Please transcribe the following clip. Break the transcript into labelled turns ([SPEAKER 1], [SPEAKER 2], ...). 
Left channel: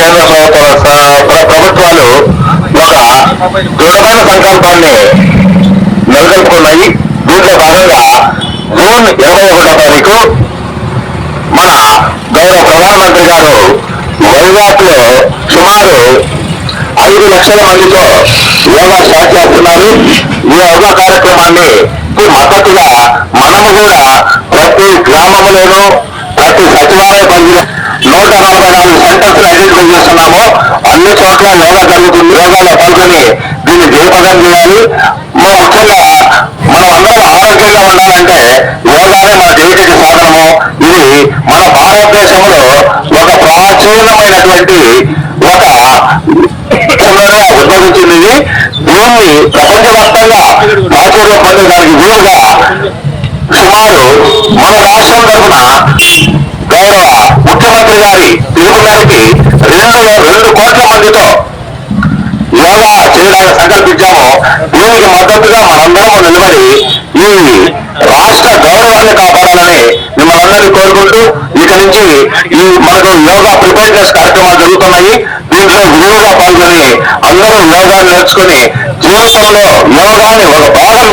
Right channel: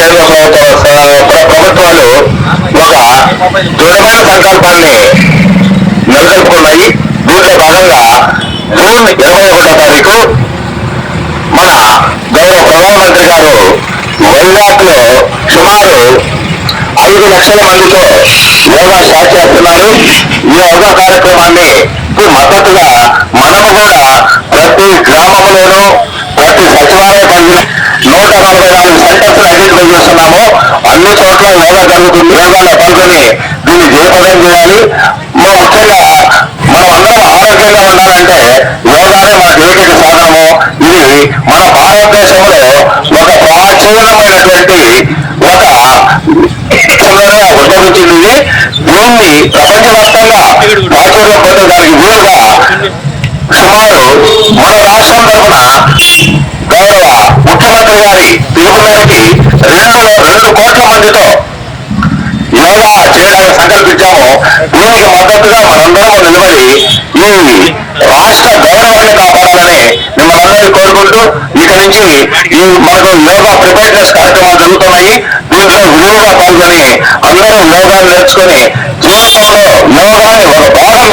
[SPEAKER 1] టైంలో ప్రభుత్వాలు ఒక దృఢమైన సంకల్పాన్ని నెలకొల్పుకున్నాయి. దీంట్లో భాగంగా జూన్ ఇరవై ఒకటో తారీఖు మన గౌరవ ప్రధానమంత్రి గారు వైజాగ్లో సుమారు ఐదు లక్షల మందితో యోగా స్టార్ట్ చేస్తున్నారు. ఈ యోగా కార్యక్రమాన్ని మద్దతుగా మనము కూడా యోగా జరుగుతుంది పాల్గొని దీన్ని జయప్రదం చేయాలి. మా ముఖ్యంగా మనం అందరం ఆరోగ్యంగా ఉండాలంటే యోగానే మన ఏకైక సాధనము. ఇది మన భారతదేశంలో ఒక ప్రాచీనమైనటువంటి ఒక ఉద్భవించింది దీన్ని ప్రపంచవ్యాప్తంగా ప్రాచుర్యం పొందడానికి వీలుగా సుమారు మన రాష్ట్రం తరఫున గౌరవ ముఖ్యమంత్రి గారి పిలుపు మేరకి రెండు రెండు కోట్ల మందితో యోగా చేయడానికి సంకల్పించాము దీనికి మద్దతుగా మనందరం నిలబడి ఈ రాష్ట్ర గౌరవాన్ని కాపాడాలని మిమ్మల్ని అందరినీ కోరుకుంటూ ఇక నుంచి ఈ మనకు యోగా ప్రిపేర్నెస్ కార్యక్రమాలు జరుగుతున్నాయి. దీంట్లో విలువగా పాల్గొని అందరూ యోగాన్ని నేర్చుకుని జీవితంలో యోగాన్ని ఒక భాగం